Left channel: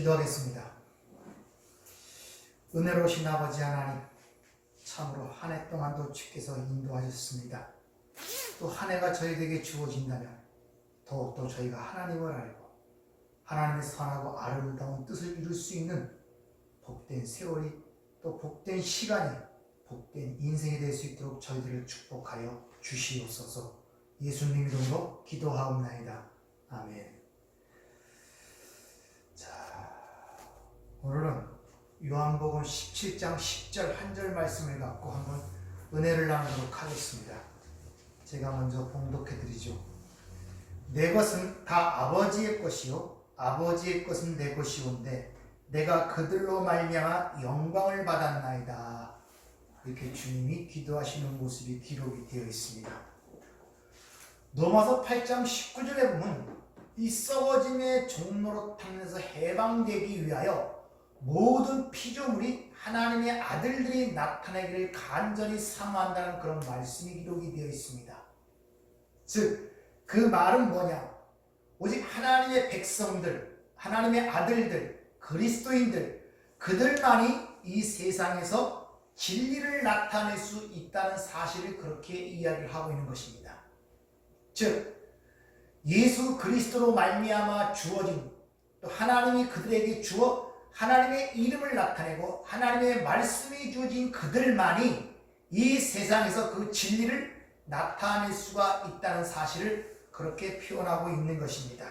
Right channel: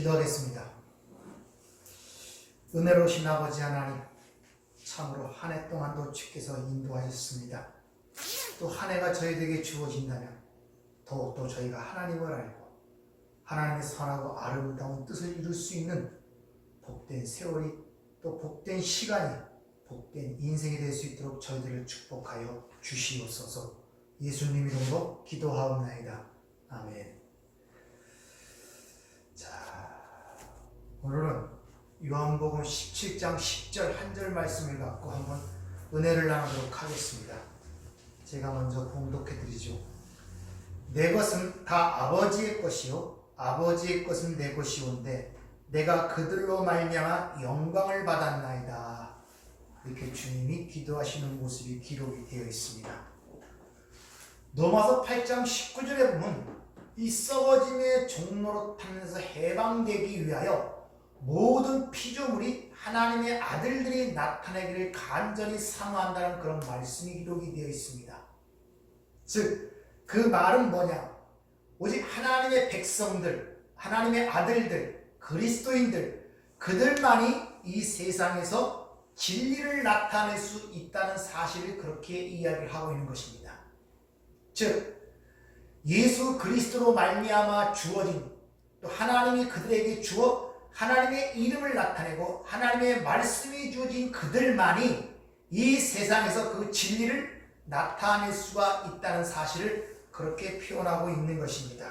기도하겠습니다. 은혜로우신 아버지 하나님, 참으로 한 해 동안도 주께서 인도하셨습니다. 또 한 해가 저희에게 주어진다면 더욱더 저희가 하나님을 알고 하나님의 선하고 아름다운 뜻을 이룰 수 있는 복된 세월이, 또 복된 시간이, 복된 인생이 될 수 있도록 저희들을 축복하여 주시옵소서. 예수님 이름으로 기도하옵나이다. 아멘. 자, 오늘은 요한복음 17장 10절 한 절 말씀을 갖고 한번 은혜를 나누도록 하겠습니다. 제가 먼저 봉독해 드리죠. 내 것은 다 아버지의 것이요 아버지의 것은 내 것이온데 내가 그들로 말미암아 영광을 받았나이다. 이렇게 주님이 기도하시는 모습이 기록이 되어 있습니다. 로마서 8장 19절에 보면 이 썩어짐의 종로로 타면서 해방되기 위하여 모든 피조물이 하나님의 아들들이 나타나기를 간절히 사모한다는 그런 말씀이 기록이 되어 있습니다. 즉, 그 말은 뭐냐? 오직 하나님의 백성들, 하나님의 아들들, 그리스도인들, 그들만이 이 세상에서 진리를 나타낼 수 있다는 사실을 그렇게 이야기를 하고 있는 것입니다. 즉, 예수 그리스도로 말미암아 주어진, 또 하나님이 그들에게 주어 하나님의 이름을 나타내고 하나님의 말씀이 주어진 그들만이 이 세상에서 그 진리를 나타낼 수가 있다는 사실을 그렇게 표현하고 있는 것입니다.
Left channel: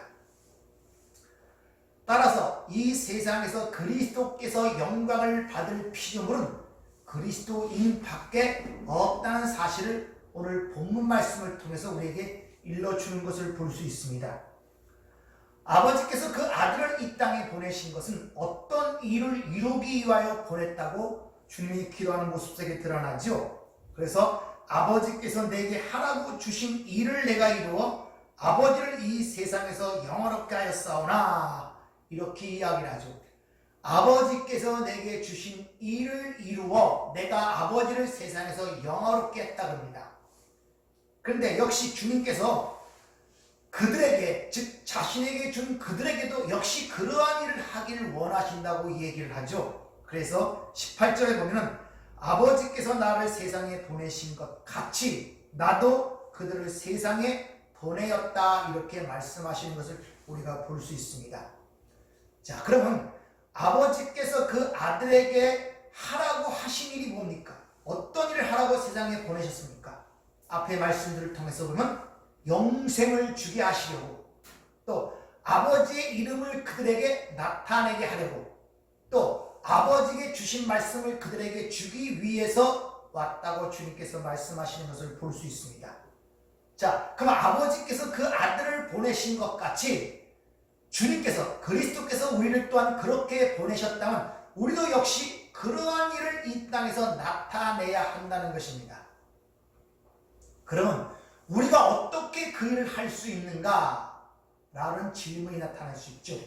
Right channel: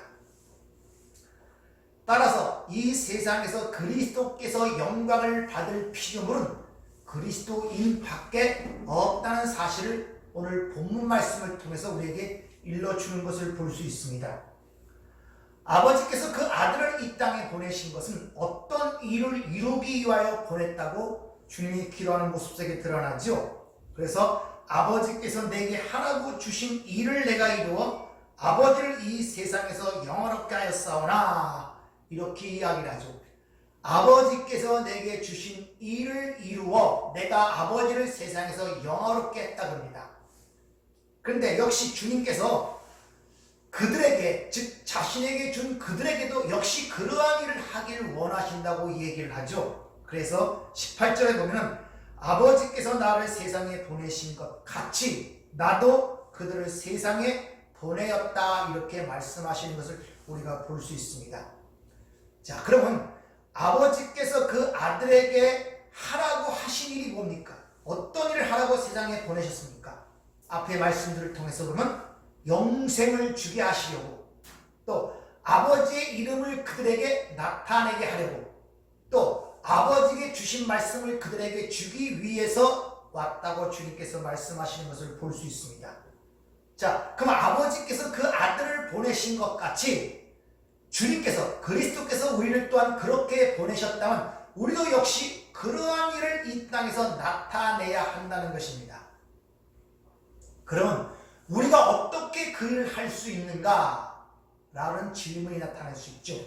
따라서 이 세상에서 그리스도께서 영광을 받을 피조물은 그리스도인 밖에 없다는 사실을 오늘 본문 말씀을 통해서 우리에게 일러주는 것을 볼 수 있습니다. 아버지께서 그 아들을 이 땅에 보내신 것은 어떤 일을 이루기 위하여 보냈다고 주님이 기도하는 모습 속에 드러나죠. 그래서 아버지께서 내게 하라고 주신 일을 내가 이루어 아버지를 이 세상에서 영화롭게 하였사오나, 이렇게 이야기를 하죠. 아버지께서 내게 주신 일을 이루어 내가 아버지를 세상에서 영화롭게 했다 겁니다. 그런데 역시 주님께서 그들에게, 즉 자신에게 준 그들에게도 역시 그러한 일을 하기를 원하신다고 얘기를 하죠. 그래서 18절에 보면은 아버지께서 나를 세상에 보내신 것 같이 나도 그들을 세상에 보내었다, 이렇게 말씀하시는 것을 우리가 볼 수 있습니다. 자, 그러면 아버지께서 그 아들에게 하라고 하신 일이 뭡니까? 어떤 일을 하라고 세상에 보내셨습니까? 앞의 말씀들을 통해서 보면 영생을 주게 하시려고, 또 아버지의 이름을 그들에게 나타내게 하려고, 또 아버지에게 주신 말씀을 그들에게 주기 위해서 왔다고 주님께서 말씀하시는 것을 볼 수 있습니다. 자, 그럼 아버지께서 그 아들을 보내신 것 같이 주님께서, 그리스도께서 우리를 또한 그렇게 보내셨다면 우리도 역시 그러한 일을 이 땅에서 나타내야 한다는 것입니다. 그러면 우리가 어떻게 그 일을 할 수 있는가? 라는 질문이 나타날 수 있죠.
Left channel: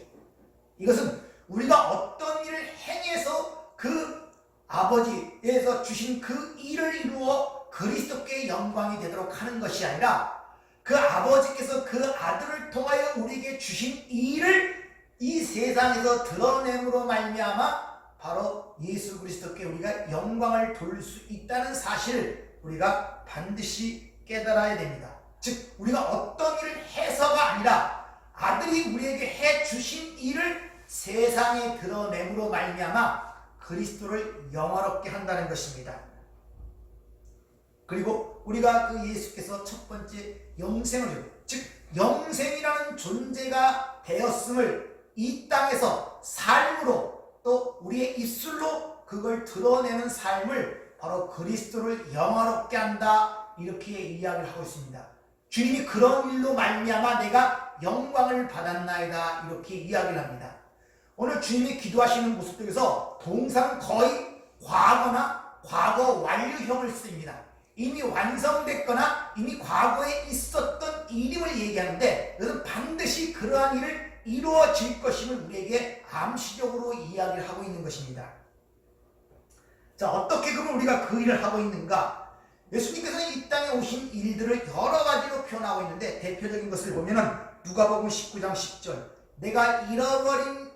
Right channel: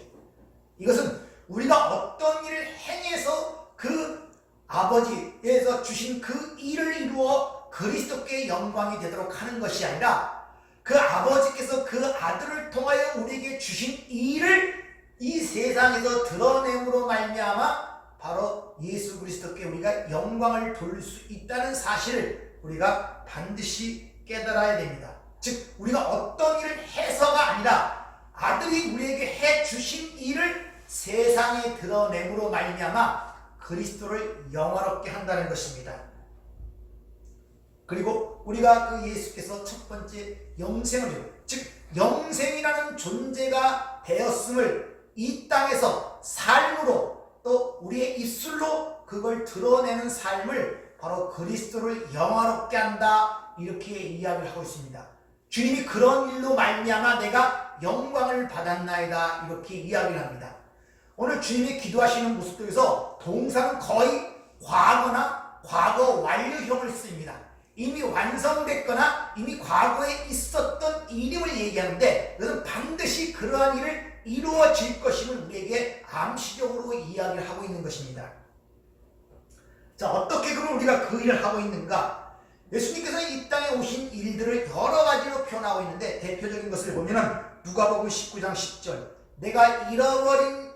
이것은 우리가 어떤 일을 행해서 그 아버지에서 주신 그 일을 이루어 그리스도께 영광이 되도록 하는 것이 아니라 그 아버지께서 그 아들을 통하여 우리에게 주신 일을 이 세상에서 드러냄으로 말미암아 바로 예수 그리스도께 우리가 영광을 돌릴 수 있다는 사실을 우리가 반드시 깨달아야 됩니다. 즉, 우리가 어떤 일을 해서가 아니라 아들이 우리에게 해주신 일을 세상에 드러냄으로 말미암아 그리스도를 영화롭게 한다는 것입니다. 그리고 우리가 그 예수께서 첫 번째 영생을, 즉 영생이라는 존재가 되었음을 이 땅에서 삶으로, 또 우리의 입술로 그걸 드러내는 삶을 바로 그리스도를 영화롭게 한다, 이렇게 이야기를 하고 있습니다. 주님이 그런 일로 말미암아 내가 영광을 받았나이다, 이렇게 이야기를 합니다. 오늘 주님이 기도하시는 모습 속에서 동사는 거의 과거나 과거 완료형을 씁니다. 이미 완성됐거나 이미 과거에 있었던 일임을 얘기하는데, 그것은 반드시 그러한 일을 이루어질 것임을 우리에게 암시적으로 이야기를 하고 있는 것입니다. 자, 어떻게 그럼 우리가 그 일을 하고 있는가? 예수님께서 이 땅에 오신 일들을 여러 가지로 표현하고 있는데, 대표적인 것을 보면은 누가복음 19장 10절, 내가 잃어버린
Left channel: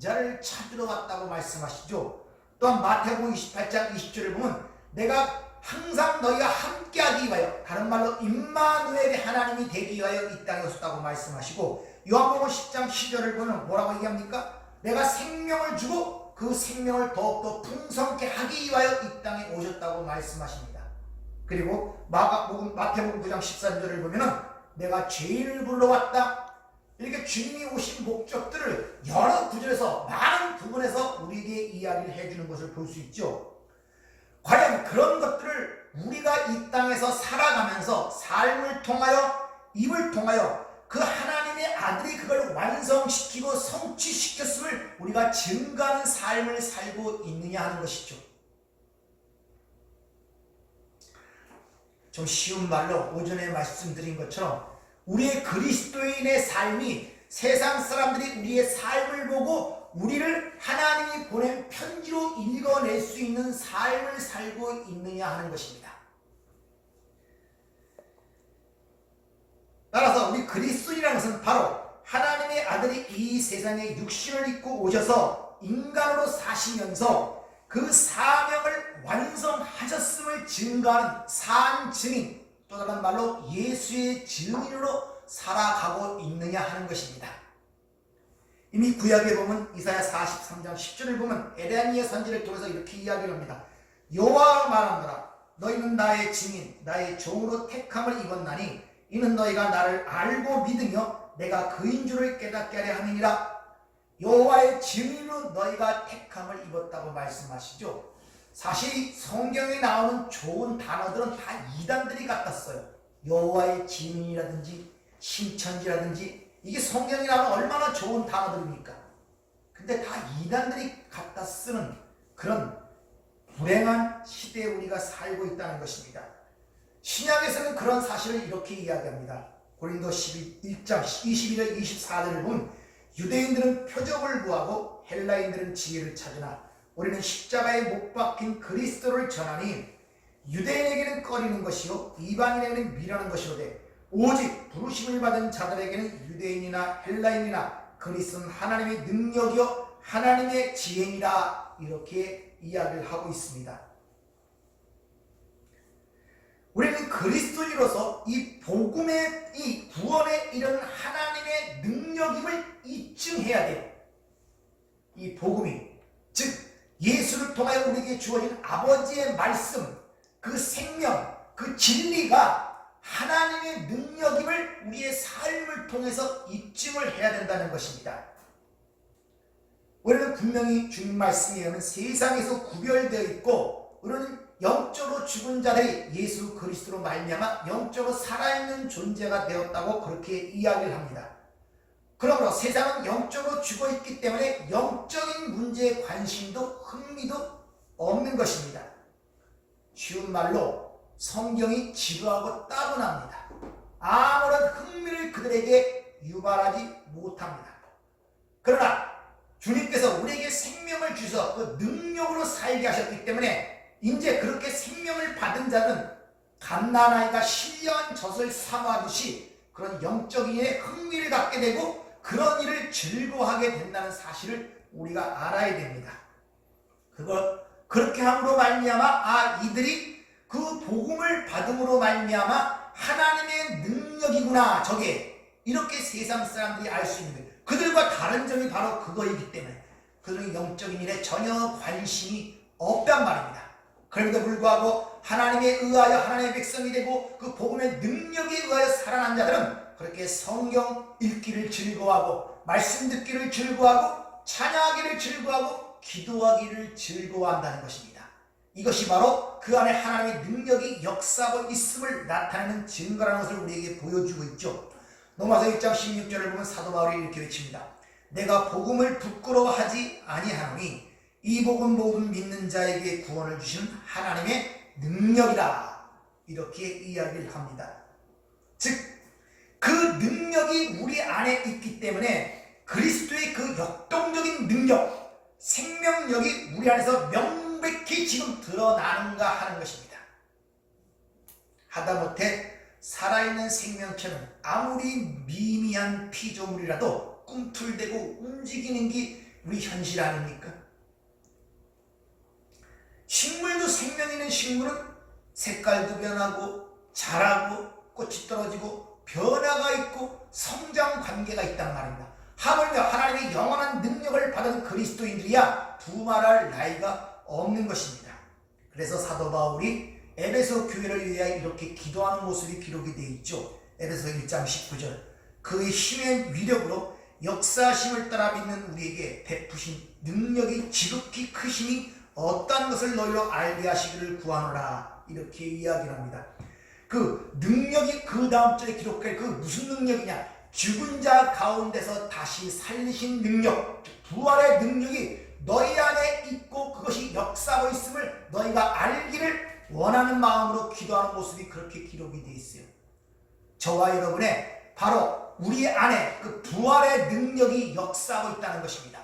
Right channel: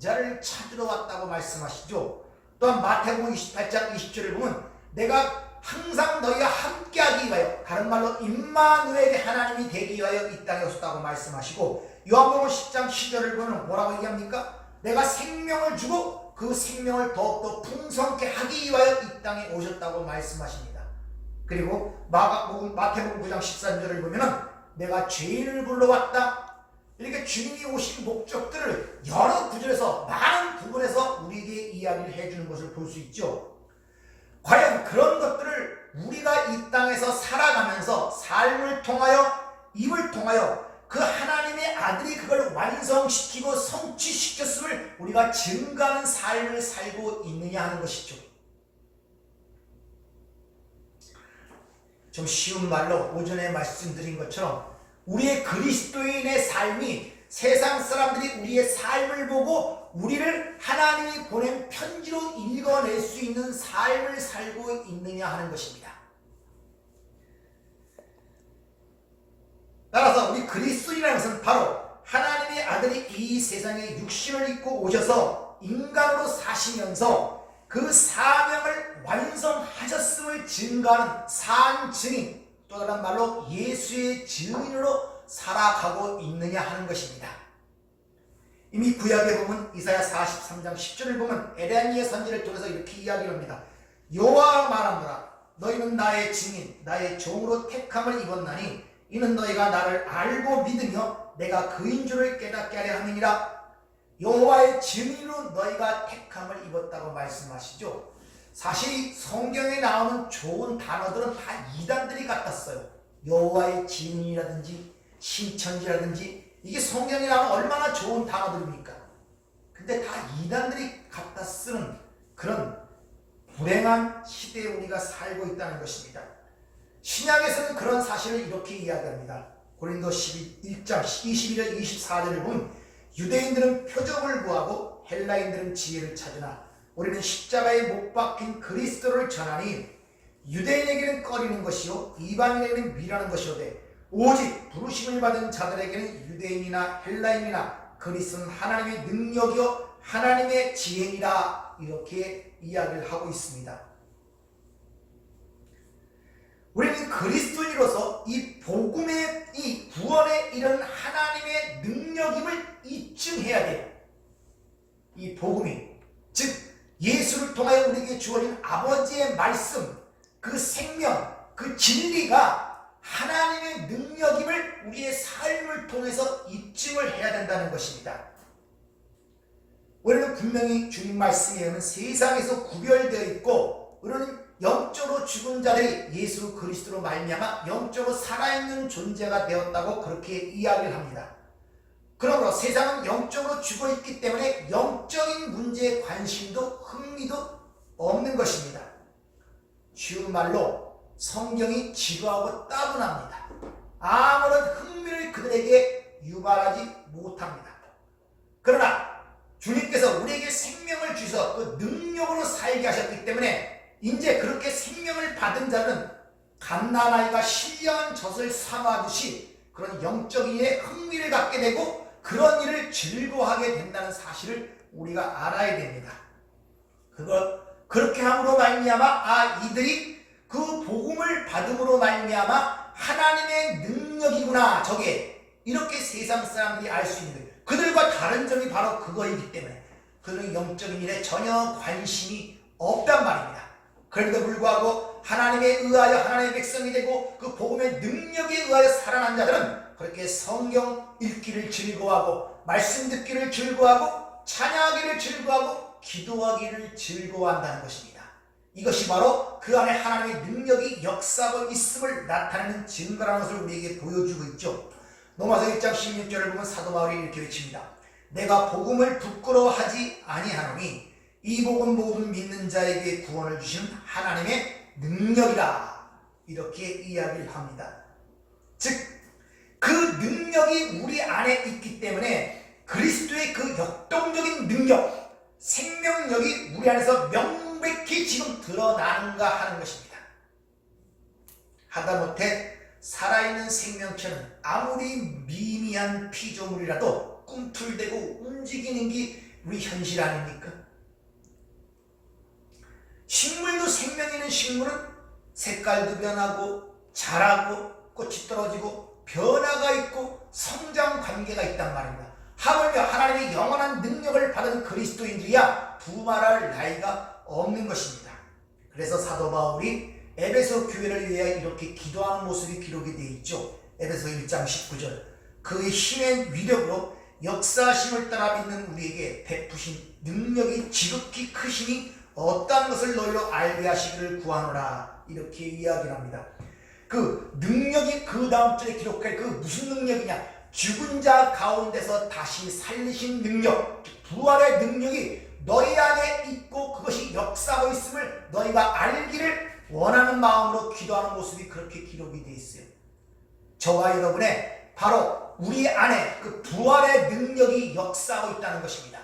자를 찾으러 왔다고 말씀하시죠. 또한 마태복음 28장 20절을 보면 내가 항상 너희가 함께하기 위하여, 다른 말로 임마누엘의 하나님이 되기 위하여 이 땅에 오셨다고 말씀하시고, 요한복음 10장 10절을 보면 뭐라고 얘기합니까? 내가 생명을 주고 그 생명을 더욱더 풍성케 하기 위하여 이 땅에 오셨다고 말씀하십니다. 그리고 마태복음 9장 13절을 보면 내가 죄인을 불러왔다. 이렇게 주님이 오신 목적들을 여러 구절에서, 많은 부분에서 우리에게 이야기를 해주는 것을 볼 수 있죠. 과연 그런 것들을 우리가 이 땅에서 살아가면서 삶을 통하여, 입을 통하여 그 하나님의 아들이 그걸 완성시키고 성취시켰음을 우리가 증거하는 삶을 살고 있느냐 하는 것이죠. 좀 쉬운 말로 오전에 말씀드린 것처럼 우리의 그리스도인의 삶이 세상 사람들이 우리의 삶을 보고 우리를 하나님이 보낸 편지로 읽어낼 수 있는 삶을 살고 있느냐 하는 것입니다. 따라서 우리 그리스도인이라는 것은 바로 하나님의 아들이 이 세상에 육신을 입고 오셔서 인간으로 사시면서 그 사명을 완성하셨음을 증거하는 산 증인, 또 다른 말로 예수의 증인으로 살아가고 있느냐 하는 것입니다. 이미 구약에 보면 이사야 43장 10절을 보면 에레미야 선지를 통해서 이렇게 이야기를 합니다. 여호와가 말하노라 너희는 나의 증인 나의 종으로 택함을 입었나니 이는 너희가 나를 알고 믿으며 내가 그인 줄을 깨닫게 하려 함이니라. 여호와의 증인으로 너희가 택함을 입었다고 말씀하시죠. 사실 성경에 나오는 좋은 단어들은 다 이단들이 같았어요. 여호와의 증인이라든지 신천지라든지, 이게 성경에 나오는 얼마나 좋은 단어들입니까? 근데 다 이단들이 갖다 쓰는 그런 불행한 시대에 우리가 살고 있다는 것입니다. 신약에서는 그런 사실을 이렇게 이야기합니다. 고린도 1장 21절 24절을 보면 유대인들은 표적을 구하고 헬라인들은 지혜를 찾으나 우리는 십자가에 못 박힌 그리스도를 전하니 유대인에게는 꺼리는 것이요 이방인에게는 미라는 것이오되 오직 부르심을 받은 자들에게는 유대인이나 헬라인이나 그리스도는 하나님의 능력이요 하나님의 지혜니라, 이렇게 이야기를 하고 있습니다. 우리는 그리스도인으로서 이 복음의, 이 구원에 이른 하나님의 능력임을 입증해야 돼요. 이 복음이, 즉 예수를 통하여 우리에게 주어진 아버지의 말씀, 그 생명, 그 진리가 하나님의 능력임을 우리의 삶을 통해서 입증을 해야 된다는 것입니다. 우리는 분명히 주님 말씀에 의하면 세상에서 구별되어 있고 우리는 영적으로 죽은 자들이 예수 그리스도로 말미암아 영적으로 살아있는 존재가 되었다고 그렇게 이야기를 합니다. 그러므로 세상은 영적으로 죽어 있기 때문에 영적인 문제에 관심도 흥미도 없는 것입니다. 쉬운 말로 성경이 지루하고 따분합니다. 아무런 흥미를 그들에게 유발하지 못합니다. 그러나 주님께서 우리에게 생명을 주셔서 그 능력으로 살게 하셨기 때문에 이제 그렇게 생명을 받은 자는 갓난아이가 신령한 젖을 사모하듯이 그런 영적인 일에 흥미를 갖게 되고 그런 일을 즐거워하게 된다는 사실을 우리가 알아야 됩니다. 그렇게 함으로 말미암아 이들이 그 복음을 받음으로 말미암아 하나님의 능력이구나, 저게 이렇게 세상 사람들이 알 수 있는 거예요. 그들과 다른 점이 바로 그거이기 때문에 그들은 영적인 일에 전혀 관심이 없단 말입니다. 그럼에도 불구하고 하나님에 의하여 하나님의 백성이 되고 그 복음의 능력에 의하여 살아난 자들은 그렇게 성경 읽기를 즐거워하고 말씀 듣기를 즐거워하고 찬양하기를 즐거워하고 기도하기를 즐거워한다는 것입니다. 이것이 바로 그 안에 하나님의 능력이 역사하고 있음을 나타내는 증거라는 것을 우리에게 보여주고 있죠. 로마서 1장 16절을 보면 사도 바울이 이렇게 외칩니다. 내가 복음을 부끄러워하지 아니하노니 이 복음 믿는 자에게 구원을 주시는 하나님의 능력이라, 이렇게 이야기를 합니다. 즉 그 능력이 우리 안에 있기 때문에 그리스도의 그 역동적인 능력, 생명력이 우리 안에서 명백히 지금 드러나는가 하는 것입니다. 하다못해 살아있는 생명체는 아무리 미미한 피조물이라도 꿈틀대고 움직이는 게 우리 현실 아닙니까? 식물도 생명 있는 식물은 색깔도 변하고 자라고 꽃이 떨어지고 변화가 있고 성장 관계가 있단 말입니다. 하물며 하나님의 영원한 능력을 받은 그리스도인들이야 부말할 나이가 없는 것입니다. 그래서 사도 바울이 에베소 교회를 위하여 이렇게 기도하는 모습이 기록이 되어 있죠. 에베소 1장 19절 그의 힘의 위력으로 역사하심을 따라 믿는 우리에게 베푸신 능력이 지극히 크심이 어떠한 것을 너희로 알게 하시기를 구하노라 이렇게 이야기를 합니다. 그 능력이 그 다음 절에 기록할 그 무슨 능력이냐, 죽은 자 가운데서 다시 살리신 능력, 부활의 능력이 너희 안에 있고 그것이 역사하고 있음을 너희가 알기를 원하는 마음으로 기도하는 모습이 그렇게 기록이 되어 있어요. 저와 여러분의 바로 우리 안에 그 부활의 능력이 역사하고 있다는 것입니다.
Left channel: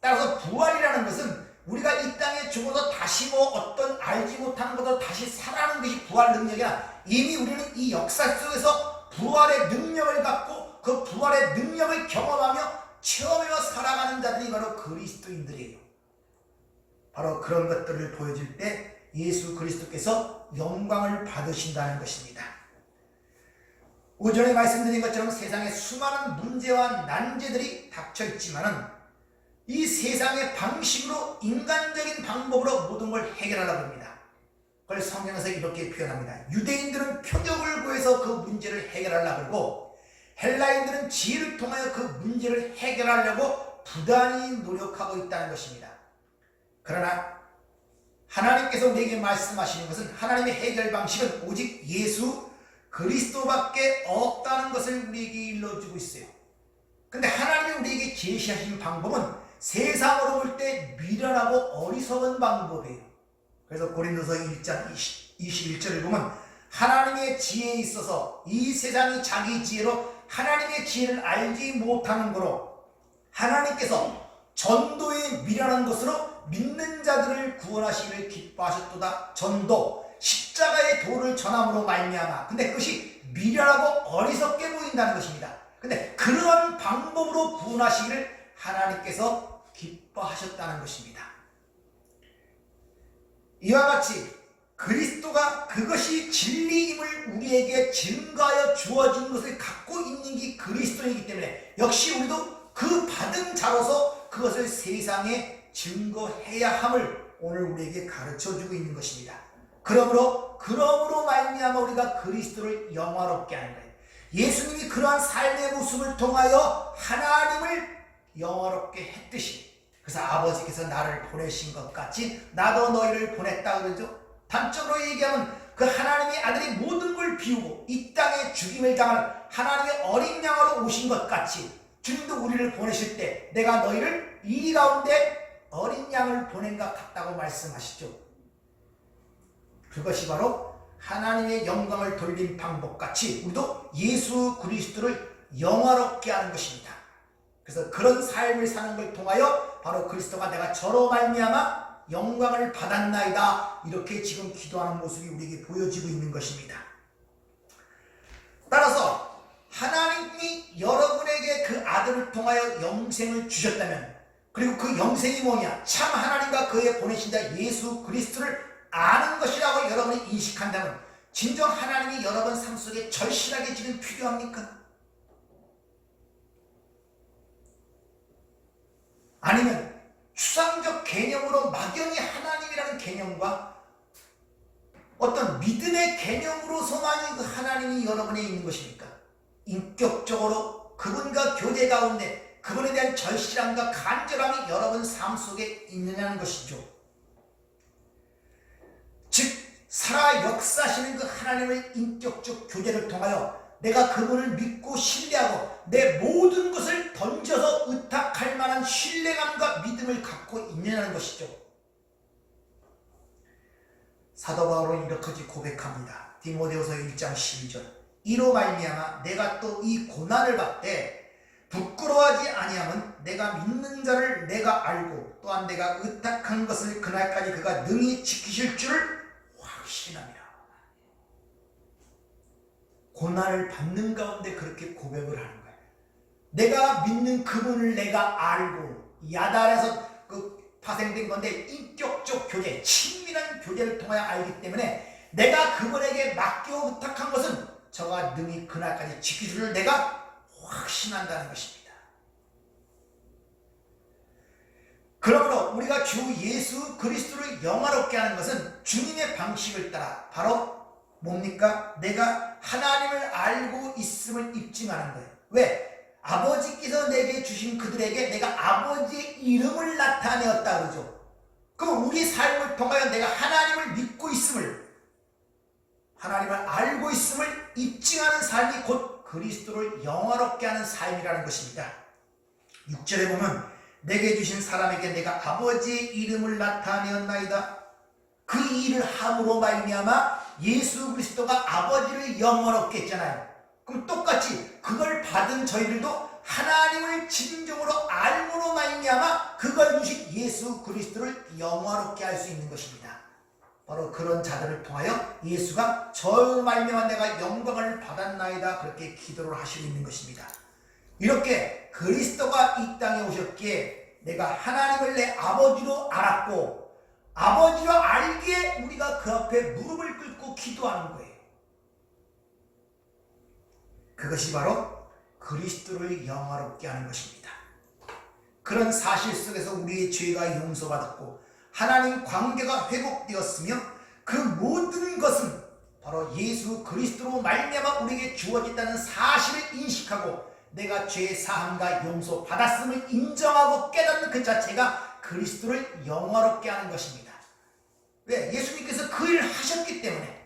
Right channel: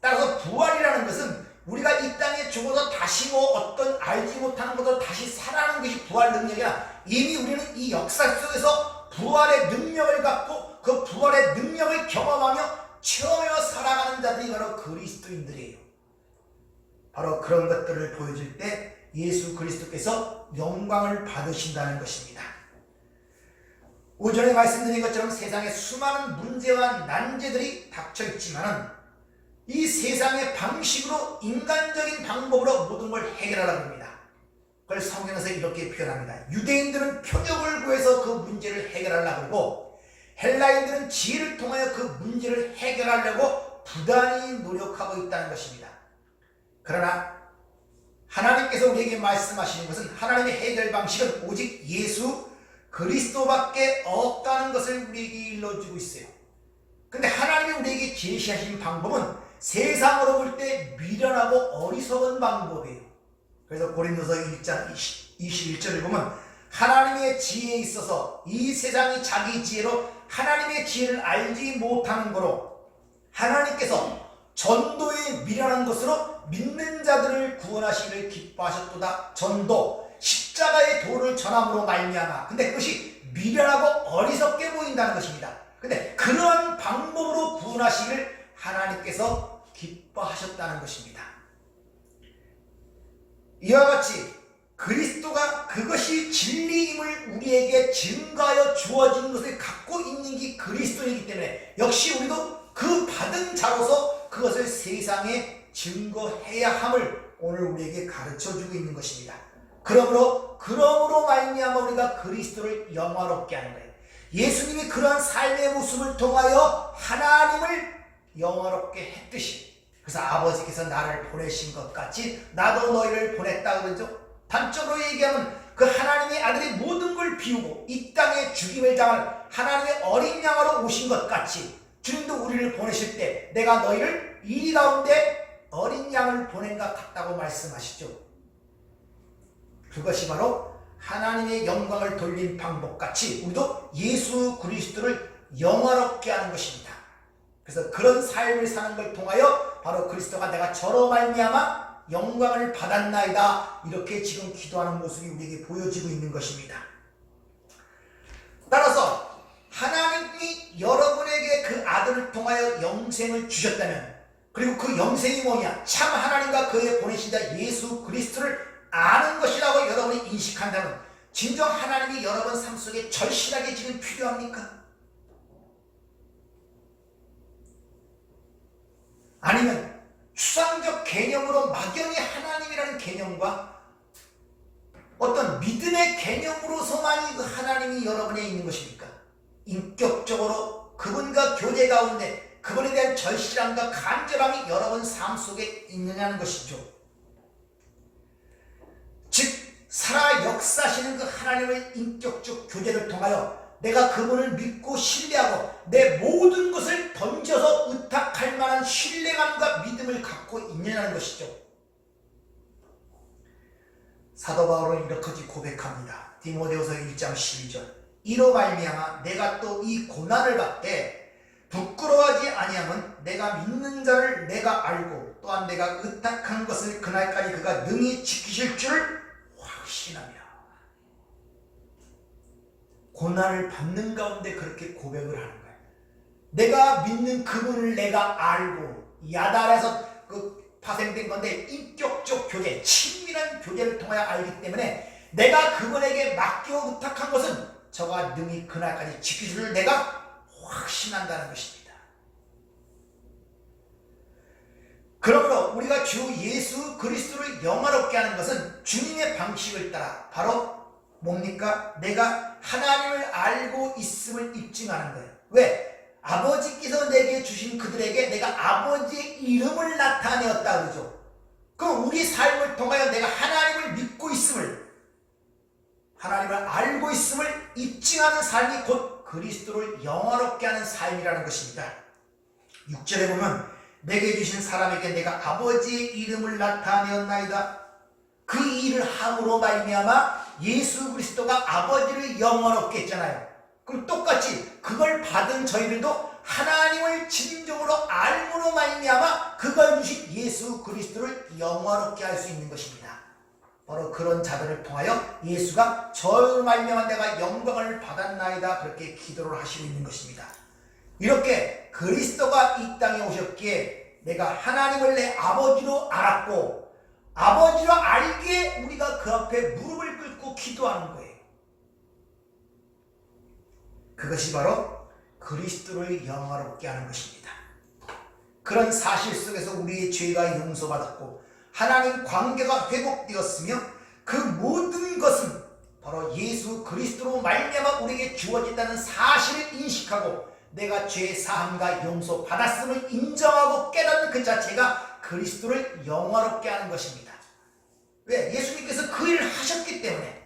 따라서 부활이라는 것은 우리가 이 땅에 죽어서 다시 어떤 알지 못하는 것으로 다시 살아나는 것이 부활 능력이라, 이미 우리는 이 역사 속에서 부활의 능력을 갖고 그 부활의 능력을 경험하며 체험하며 살아가는 자들이 바로 그리스도인들이에요. 바로 그런 것들을 보여줄 때 예수 그리스도께서 영광을 받으신다는 것입니다. 오전에 말씀드린 것처럼 세상에 수많은 문제와 난제들이 닥쳐있지만 이 세상의 방식으로 인간적인 방법으로 모든 걸 해결하려고 합니다. 그걸 성경에서 이렇게 표현합니다. 유대인들은 표적을 구해서 그 문제를 해결하려고 하고 헬라인들은 지혜를 통하여 그 문제를 해결하려고 부단히 노력하고 있다는 것입니다. 그러나 하나님께서 우리에게 말씀하시는 것은 하나님의 해결 방식은 오직 예수 그리스도밖에 없다는 것을 우리에게 일러주고 있어요. 근데 하나님이 우리에게 제시하신 방법은 세상으로 볼 때 미련하고 어리석은 방법이에요. 그래서 고린도서 1장 21절을 보면 하나님의 지혜에 있어서 이 세상이 자기 지혜로 하나님의 지혜를 알지 못하는 거로 하나님께서 전도에 미련한 것으로 믿는 자들을 구원하시기를 기뻐하셨도다. 전도, 십자가의 도를 전함으로 말미암아. 근데 그것이 미련하고 어리석게 보인다는 것입니다. 근데 그런 방법으로 구원하시기를 하나님께서 기뻐하셨다는 것입니다. 이와 같이 그리스도가 그것이 진리임을 우리에게 증거하여 주어진 것을 갖고 있는 게 그리스도이기 때문에 역시 우리도 그 받은 자로서 그것을 세상에 증거해야 함을 오늘 우리에게 가르쳐주고 있는 것입니다. 그러므로 말미암아 우리가 그리스도를 영화롭게 하는 거예요. 예수님이 그러한 삶의 모습을 통하여 하나님을 영화롭게 했듯이, 그래서 아버지께서 나를 보내신 것 같이 나도 너희를 보냈다 그러죠. 단적으로 얘기하면 그 하나님의 아들이 모든 걸 비우고 이 땅에 죽임을 당하는 하나님의 어린 양으로 오신 것 같이 주님도 우리를 보내실 때 내가 너희를 이 가운데 어린 양을 보낸 것 같다고 말씀하시죠. 그것이 바로 하나님의 영광을 돌린 방법같이 우리도 예수 그리스도를 영화롭게 하는 것입니다. 그래서 그런 삶을 사는 걸 통하여 바로 그리스도가 내가 저로 말미암아 영광을 받았나이다 이렇게 지금 기도하는 모습이 우리에게 보여지고 있는 것입니다. 따라서 하나님이 여러분에게 그 아들을 통하여 영생을 주셨다면, 그리고 그 영생이 뭐냐, 참 하나님과 그의 보내신 자 예수 그리스도를 아는 것이라고 여러분이 인식한다면 진정 하나님이 여러분 삶 속에 절실하게 지금 필요합니까? 아니면 추상적 개념으로 막연히 하나님이라는 개념과 어떤 믿음의 개념으로서만 그 하나님이 여러분에 있는 것입니까? 인격적으로 그분과 교제 가운데 그분에 대한 절실함과 간절함이 여러분 삶 속에 있느냐는 것이죠. 즉 살아 역사하시는 그 하나님의 인격적 교제를 통하여 내가 그분을 믿고 신뢰하고 내 모든 것을 던져서 의탁할 만한 신뢰감과 믿음을 갖고 있느냐는 것이죠. 사도 바울은 이렇게 고백합니다. 디모데후서 1장 12절 이로 말미암아 내가 또 이 고난을 받되 부끄러워하지 아니함은 내가 믿는 자를 내가 알고 또한 내가 의탁한 것을 그날까지 그가 능히 지키실 줄을 확신합니다. 고난을 받는 가운데 그렇게 고백을 하는 거예요. 내가 믿는 그분을 내가 알고 야단에서 파생된 건데 인격적 교제, 친밀한 교제를 통하여 알기 때문에 내가 그분에게 맡겨 부탁한 것은 저가 능히 그날까지 지키기를 내가 확신한다는 것입니다. 그러므로 우리가 주 예수 그리스도를 영화롭게 하는 것은 주님의 방식을 따라 바로 뭡니까? 내가 하나님을 알고 있음을 입증하는 거예요. 왜? 아버지께서 내게 주신 그들에게 내가 아버지의 이름을 나타내었다 그러죠. 그럼 우리 삶을 통하여 내가 하나님을 믿고 있음을, 하나님을 알고 있음을 입증하는 삶이 곧 그리스도를 영화롭게 하는 삶이라는 것입니다. 6절에 보면 내게 주신 사람에게 내가 아버지의 이름을 나타내었나이다. 그 일을 함으로 말미암아 예수 그리스도가 아버지를 영화롭게 했잖아요. 그럼 똑같이 그걸 받은 저희들도 하나님을 진정으로 알므로 말미암아 그걸 주신 예수 그리스도를 영화롭게 할 수 있는 것입니다. 바로 그런 자들을 통하여 예수가 저로 말미암아 내가 영광을 받았나이다 그렇게 기도를 하시고 있는 것입니다. 이렇게 그리스도가 이 땅에 오셨기에 내가 하나님을 내 아버지로 알았고 아버지로 알기에 우리가 그 앞에 무릎을 꿇고 기도하는 거예요. 그것이 바로 그리스도를 영화롭게 하는 것입니다. 그런 사실 속에서 우리의 죄가 용서받았고 하나님 관계가 회복되었으며 그 모든 것은 바로 예수 그리스도로 말미암아 우리에게 주어진다는 사실을 인식하고 내가 죄 사함과 용서 받았음을 인정하고 깨닫는 그 자체가 그리스도를 영화롭게 하는 것입니다. 왜? 예수님께서 그 일을 하셨기 때문에.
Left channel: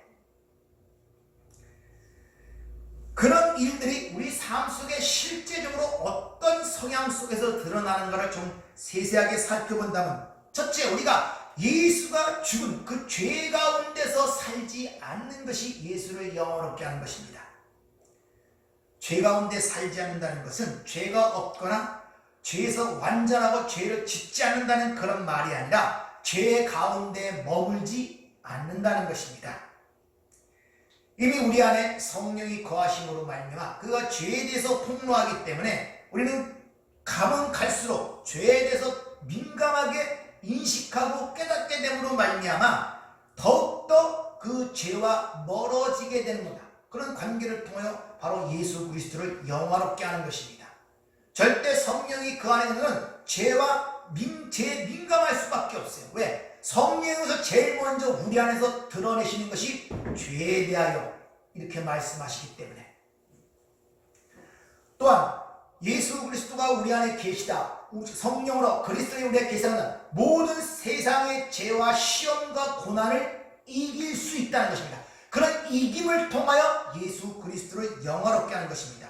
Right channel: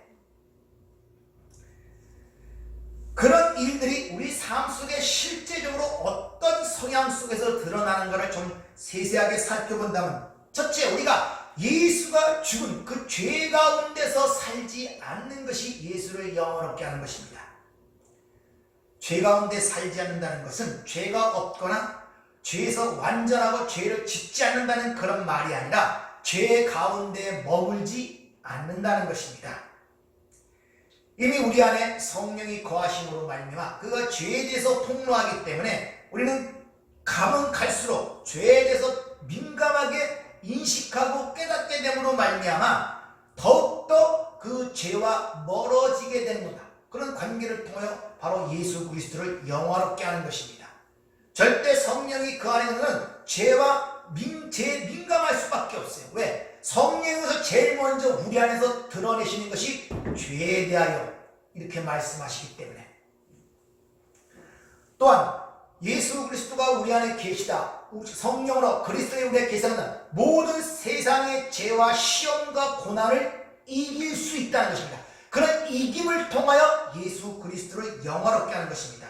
그런 일들이 우리 삶 속에 실제적으로 어떤 성향 속에서 드러나는가를 좀 세세하게 살펴본다면, 첫째, 우리가 예수가 죽은 그 죄 가운데서 살지 않는 것이 예수를 영화롭게 하는 것입니다. 죄 가운데 살지 않는다는 것은 죄가 없거나 죄에서 완전하고 죄를 짓지 않는다는 그런 말이 아니라 죄 가운데 머물지 않는다는 것입니다. 이미 우리 안에 성령이 거하심으로 말미암아 그가 죄에 대해서 폭로하기 때문에 우리는 가면 갈수록 죄에 대해서 민감하게 인식하고 깨닫게 됨으로 말미암아 더욱더 그 죄와 멀어지게 됩니다. 그런 관계를 통하여 바로 예수 그리스도를 영화롭게 하는 것입니다. 절대 성령이 그 안에는 죄에 민감할 수밖에 없어요. 왜? 성령에서 제일 먼저 우리 안에서 드러내시는 것이 죄에 대하여 이렇게 말씀하시기 때문에. 또한 예수 그리스도가 우리 안에 계시다, 성령으로 그리스도의 우리 안에 계시다는 모든 세상의 죄와 시험과 고난을 이길 수 있다는 것입니다. 그런 이김을 통하여 예수 그리스도를 영화롭게 하는 것입니다.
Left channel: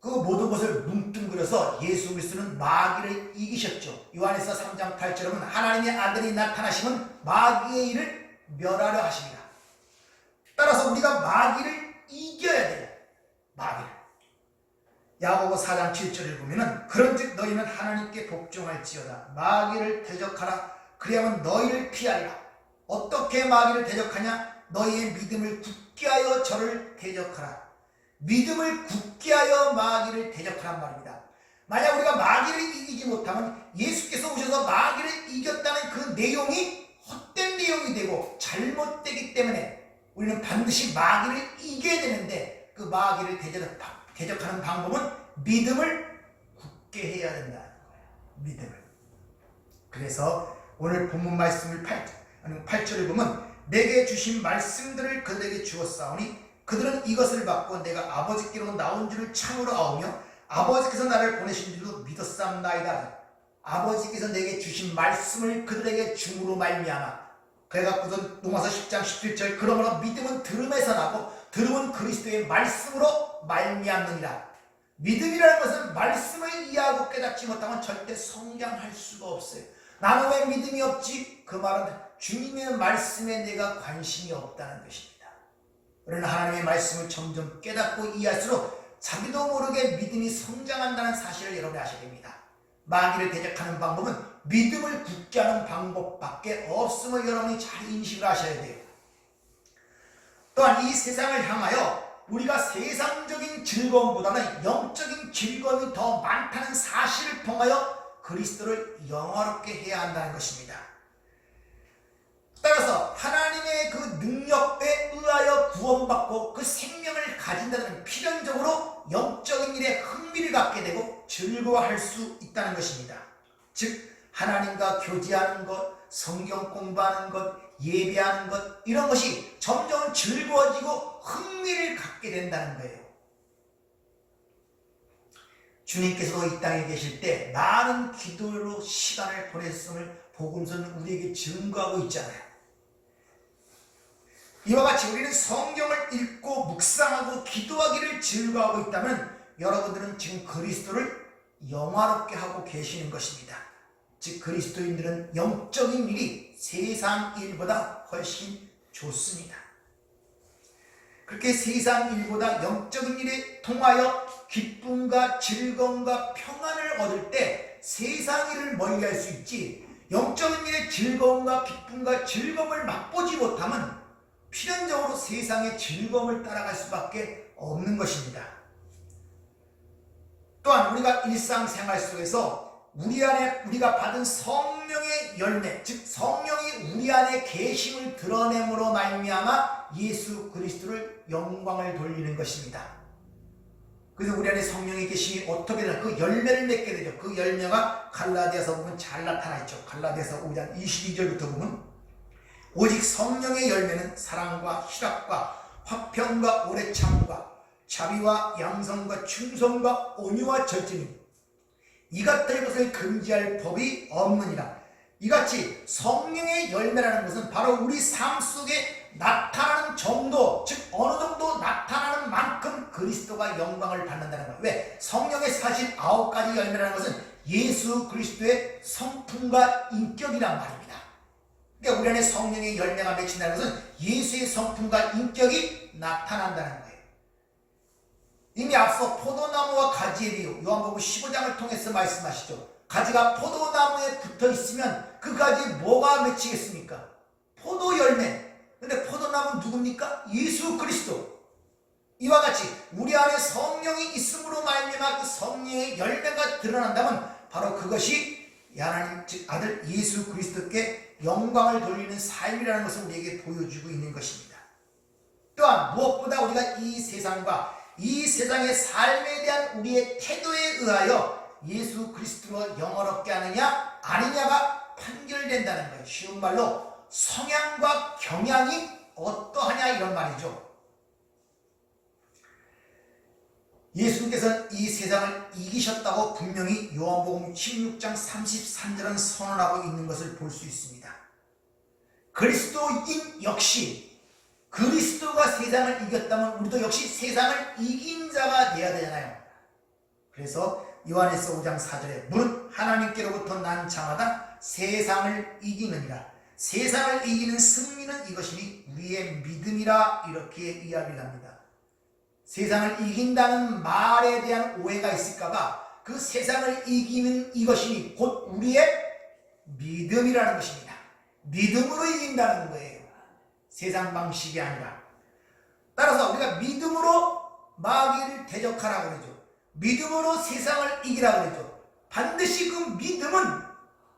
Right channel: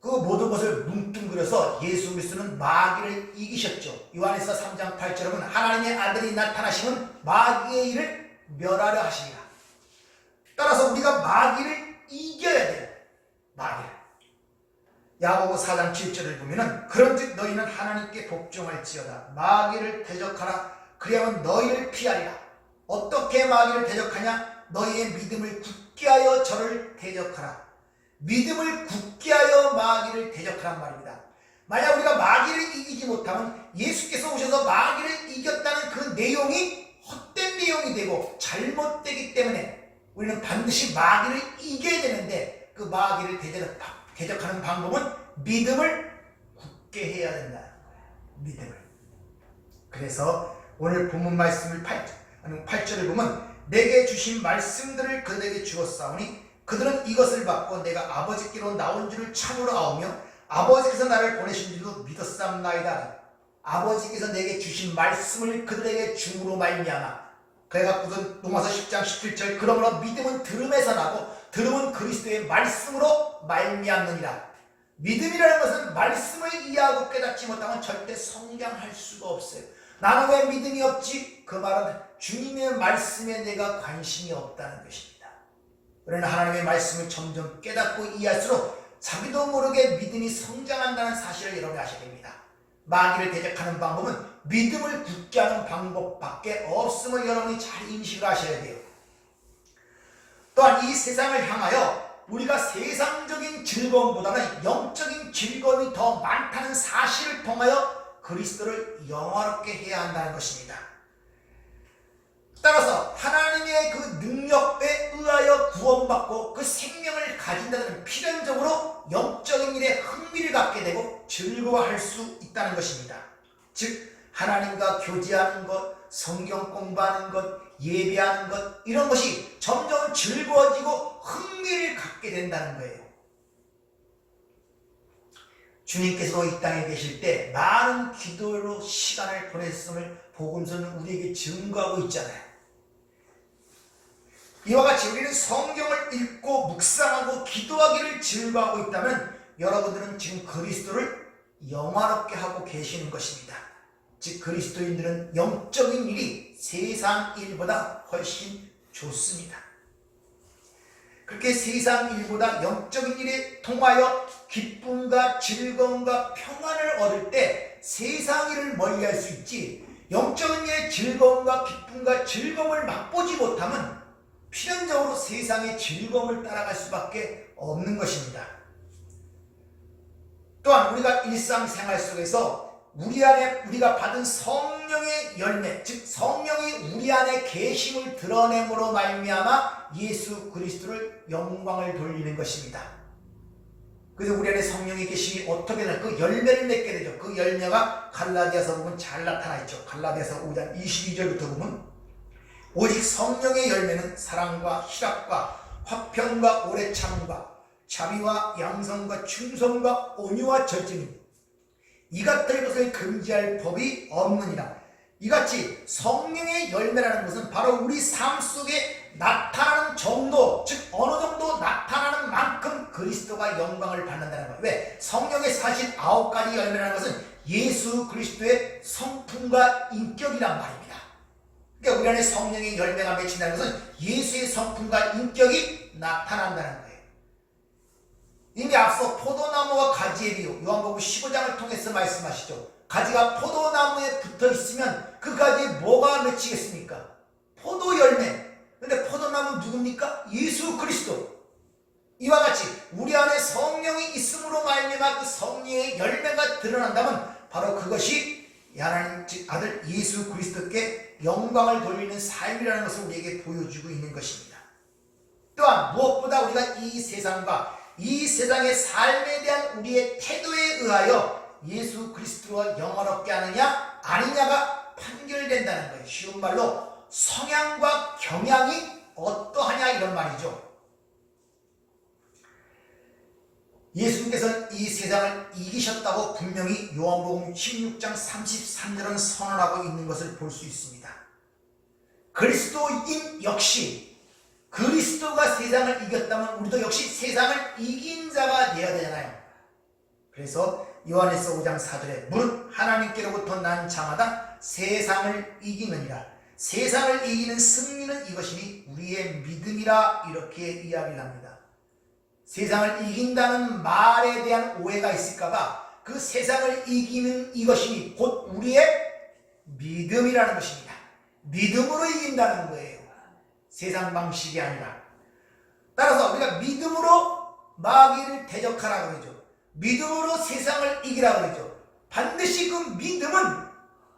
그 모든 것을 뭉뚱그려서 예수 그리스도는 마귀를 이기셨죠. 요한에서 3장 8절은 하나님의 아들이 나타나시면 마귀의 일을 멸하려 하십니다. 따라서 우리가 마귀를 이겨야 돼요. 마귀를. 야고보 4장 7절을 보면은 그런즉 너희는 하나님께 복종할지어다. 마귀를 대적하라. 그리하면 너희를 피하리라. 어떻게 마귀를 대적하냐? 너희의 믿음을 굳게 하여 저를 대적하라. 믿음을 굳게 하여 마귀를 대적하란 말입니다. 만약 우리가 마귀를 이기지 못하면 예수께서 오셔서 마귀를 이겼다는 그 내용이 헛된 내용이 되고 잘못되기 때문에 우리는 반드시 마귀를 이겨야 되는데 그 마귀를 대적하는 방법은 믿음을 굳게 해야 된다는 거예요. 믿음을. 그래서 오늘 본문 말씀을 8절을 보면 내게 주신 말씀들을 그들에게 주었사오니 그들은 이것을 받고 내가 아버지께로 나온 줄을 참으로 아오며 아버지께서 나를 보내신 줄도 믿었사옵나이다. 아버지께서 내게 주신 말씀을 그들에게 줌으로 말미암아. 그래갖고는 로마서 10장 17절 그러므로 믿음은 들음에서 나고 들음은 그리스도의 말씀으로 말미암느니라. 믿음이라는 것은 말씀을 이해하고 깨닫지 못하면 절대 성장할 수가 없어요. 나는 왜 믿음이 없지? 그 말은 주님의 말씀에 내가 관심이 없다는 것입니다. 우리는 하나님의 말씀을 점점 깨닫고 이해할수록 자기도 모르게 믿음이 성장한다는 사실을 여러분이 아셔야 됩니다. 마귀를 대적하는 방법은 믿음을 굳게 하는 방법밖에 없음을 여러분이 잘 인식을 하셔야 돼요. 또한 이 세상을 향하여 우리가 세상적인 즐거움보다는 영적인 즐거움이 더 많다는 사실을 통하여 그리스도를 영화롭게 해야 한다는 것입니다. 따라서 하나님의 그 능력에 의하여 구원받고 그 생명을 가진다는 필연적으로 영적인 일에 흥미를 갖게 되고 즐거워할 수 있다는 것입니다. 즉 하나님과 교제하는 것, 성경 공부하는 것, 예배하는 것, 이런 것이 점점 즐거워지고 흥미를 갖게 된다는 거예요. 주님께서 이 땅에 계실 때 많은 기도로 시간을 보냈음을 복음서는 우리에게 증거하고 있잖아요. 이와 같이 우리는 성경을 읽고 묵상하고 기도하기를 즐거워하고 있다면 여러분들은 지금 그리스도를 영화롭게 하고 계시는 것입니다. 즉 그리스도인들은 영적인 일이 세상 일보다 훨씬 좋습니다. 그렇게 세상 일보다 영적인 일에 통하여 기쁨과 즐거움과 평안을 얻을 때 세상 일을 멀리할 수 있지, 영적인 일의 즐거움과 기쁨과 즐거움을 맛보지 못하면 필연적으로 세상의 즐거움을 따라갈 수밖에 없는 것입니다. 또한 우리가 일상생활 속에서 우리 안에 우리가 받은 성령의 열매, 즉 성령이 우리 안에 계심을 드러냄으로 말미암아 예수 그리스도를 영광을 돌리는 것입니다. 그래서 우리 안에 성령의 계심이 어떻게 되나 그 열매를 맺게 되죠. 그 열매가 갈라디아서 보면 잘 나타나 있죠. 갈라디아서 5장 22절부터 보면 오직 성령의 열매는 사랑과 희락과 화평과 오래 참음과 자비와 양선과 충성과 온유와 절제니 이같은 것을 금지할 법이 없느니라. 이같이 성령의 열매라는 것은 바로 우리 삶 속에 나타나는 정도, 즉 어느 정도 나타나는 만큼 그리스도가 영광을 받는다는 거예요. 왜? 성령의 사실 9가지 열매라는 것은 예수 그리스도의 성품과 인격이란 말입니다. 그러니까 우리 안에 성령의 열매가 맺힌다는 것은 예수의 성품과 인격이 나타난다는 거예요. 이미 앞서 포도나무와 가지의 비유, 요한복음 15장을 통해서 말씀하시죠. 가지가 포도나무에 붙어 있으면 그 가지에 뭐가 맺히겠습니까? 포도 열매. 근데 포도나무는 누굽니까? 예수 그리스도. 이와 같이 우리 안에 성령이 있음으로 말미암아 그 성령의 열매가 드러난다면 바로 그것이 하나님 즉 아들 예수 그리스도께 영광을 돌리는 삶이라는 것을 우리에게 보여주고 있는 것입니다. 또한 무엇보다 우리가 이 세상과 이 세상의 삶에 대한 우리의 태도에 의하여 예수 그리스도가 영화롭게 하느냐 아니냐가 판결된다는 거예요. 쉬운 말로 성향과 경향이 어떠하냐 이런 말이죠. 예수님께서는 이 세상을 이기셨다고 분명히 요한복음 16장 33절은 선언하고 있는 것을 볼 수 있습니다. 그리스도인 역시 그리스도가 세상을 이겼다면 우리도 역시 세상을 이긴 자가 되어야 되잖아요. 그래서 요한에서 5장 4절에 무릇 하나님께로부터 난 자마다 세상을 이기느니라. 세상을 이기는 승리는 이것이니 우리의 믿음이라 이렇게 이야기를 합니다. 세상을 이긴다는 말에 대한 오해가 있을까봐 그 세상을 이기는 이것이니 곧 우리의 믿음이라는 것입니다. 믿음으로 이긴다는 거예요. 세상 방식이 아니라. 따라서 우리가 믿음으로 마귀를 대적하라고 그러죠. 믿음으로 세상을 이기라고 그러죠. 반드시 그 믿음은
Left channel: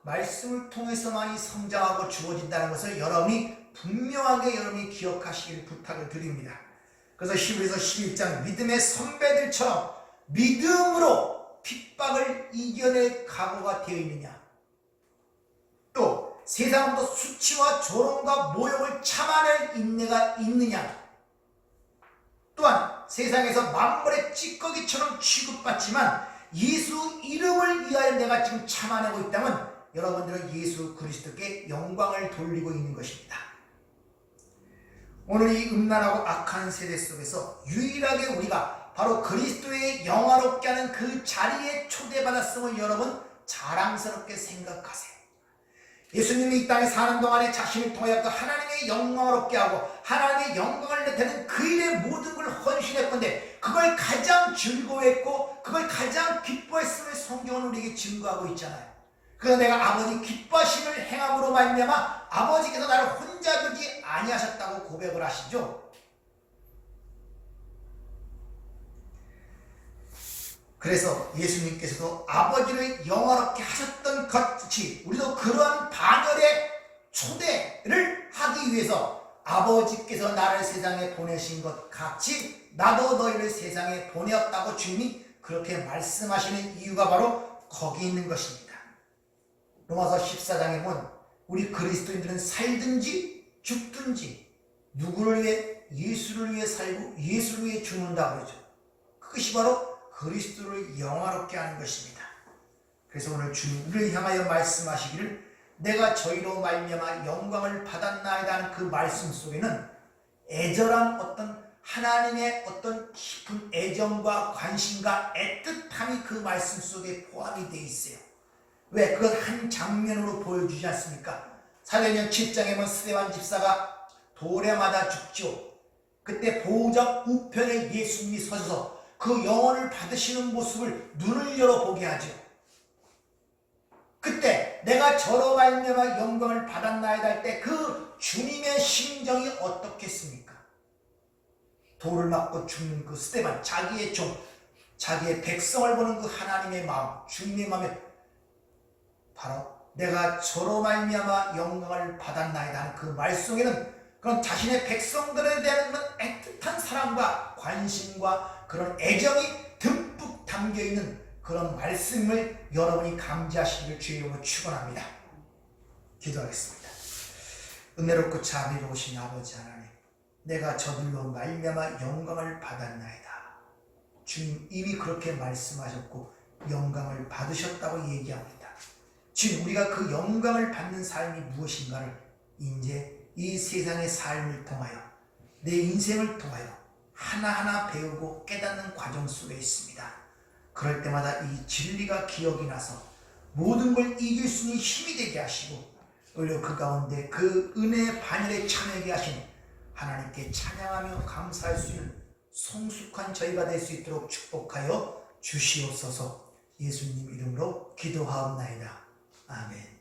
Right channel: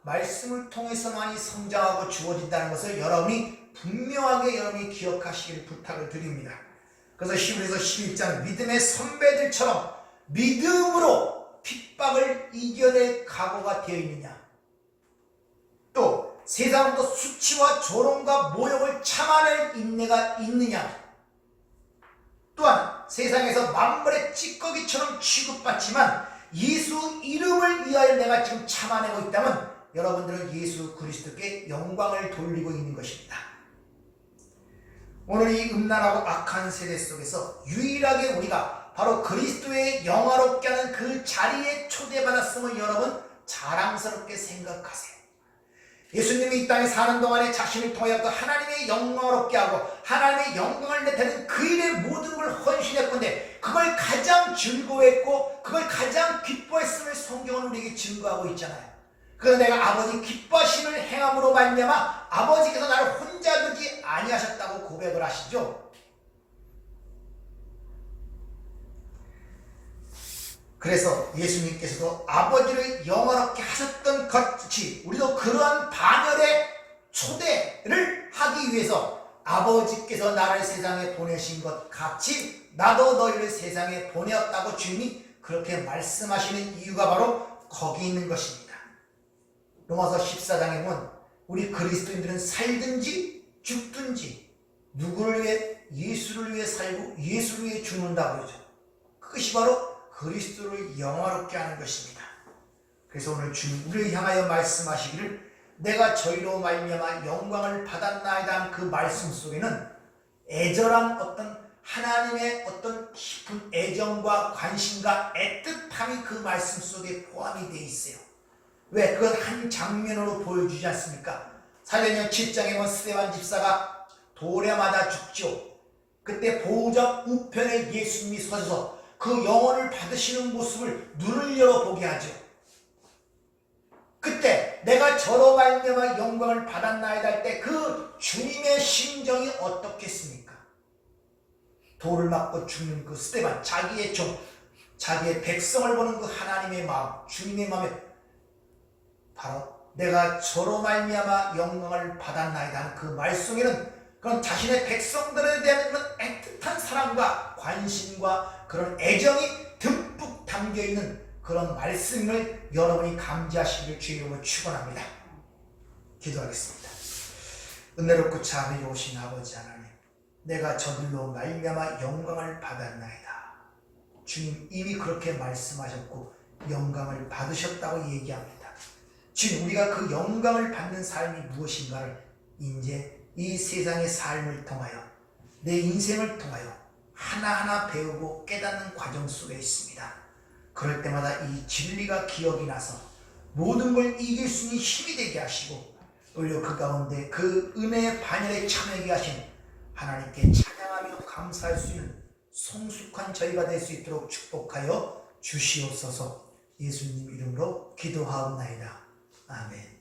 말씀을 통해서만이 성장하고 주어진다는 것을 여러분이 분명하게 여러분이 기억하시길 부탁을 드립니다. 그래서 히브리서 11장 믿음의 선배들처럼 믿음으로 핍박을 이겨낼 각오가 되어 있느냐, 또 세상도 수치와 조롱과 모욕을 참아낼 인내가 있느냐, 또한 세상에서 만물의 찌꺼기처럼 취급받지만 예수 이름을 위하여 내가 지금 참아내고 있다면 여러분들은 예수 그리스도께 영광을 돌리고 있는 것입니다. 오늘 이 음란하고 악한 세대 속에서 유일하게 우리가 바로 그리스도의 영화롭게 하는 그 자리에 초대받았음을 여러분 자랑스럽게 생각하세요. 예수님이 이 땅에 사는 동안에 자신을 통하여 그 하나님의 영광스럽게 하고 하나님의 영광을 나타내는 그 일의 모든 걸 헌신했건데 그걸 가장 즐거워했고 그걸 가장 기뻐했음을 성경은 우리에게 증거하고 있잖아요. 그래서 내가 아버지 기뻐하심을 행함으로 말미암아 아버지께서 나를 혼자 두지 아니하셨다고 고백을 하시죠. 그래서 예수님께서도 아버지를 영화롭게 하셨던 것 같이 우리도 그러한 반열의 초대를 하기 위해서 아버지께서 나를 세상에 보내신 것 같이 나도 너희를 세상에 보내었다고 주님이 그렇게 말씀하시는 이유가 바로 거기 있는 것입니다. 로마서 14장에 보면 우리 그리스도인들은 살든지 죽든지 누구를 위해? 예수를 위해 살고 예수를 위해 죽는다 그러죠. 그것이 바로 그리스도를 영화롭게 하는 것입니다. 그래서 오늘 주님 우리를 향하여 말씀하시기를 내가 저희로 말미암아 영광을 받았나이다 하는 그 말씀 속에는 애절한 어떤 하나님의 어떤 깊은 애정과 관심과 애틋함이 그 말씀 속에 포함이 되어 있어요. 왜? 그건 한 장면으로 보여주지 않습니까? 사도행전 7장에 보면 스데반 집사가 돌에 맞아 죽죠. 그때 보호자 우편에 예수님이 서셔서 그 영혼을 받으시는 모습을 눈을 열어보게 하죠. 그때 내가 저로 말미암아 영광을 받았나이다 할 때 그 주님의 심정이 어떻겠습니까? 돌을 맞고 죽는 그 스데반, 자기의 종, 자기의 백성을 보는 그 하나님의 마음, 주님의 마음에 바로 내가 저로 말미암아 영광을 받았나이다 하는 그 말씀에는 그런 자신의 백성들에 대한 그런 애틋한 사랑과 관심과 그런 애정이 듬뿍 담겨있는 그런 말씀을 여러분이 감지하시기를 주의 이름으로 축원합니다. 기도하겠습니다. 은혜롭고 자비로우신 아버지 하나님, 내가 저들로 말미암아 영광을 받았나이다. 주님 이미 그렇게 말씀하셨고 영광을 받으셨다고 얘기합니다. 주님 우리가 그 영광을 받는 삶이 무엇인가를 이제 이 세상의 삶을 통하여 내 인생을 통하여 하나하나 배우고 깨닫는 과정 속에 있습니다. 그럴 때마다 이 진리가 기억이 나서 모든 걸 이길 수 있는 힘이 되게 하시고 오히려 그 가운데 그 은혜의 반열에 참여하게 하신 하나님께 찬양하며 감사할 수 있는 성숙한 저희가 될 수 있도록 축복하여 주시옵소서. 예수님 이름으로 기도하옵나이다. 아멘.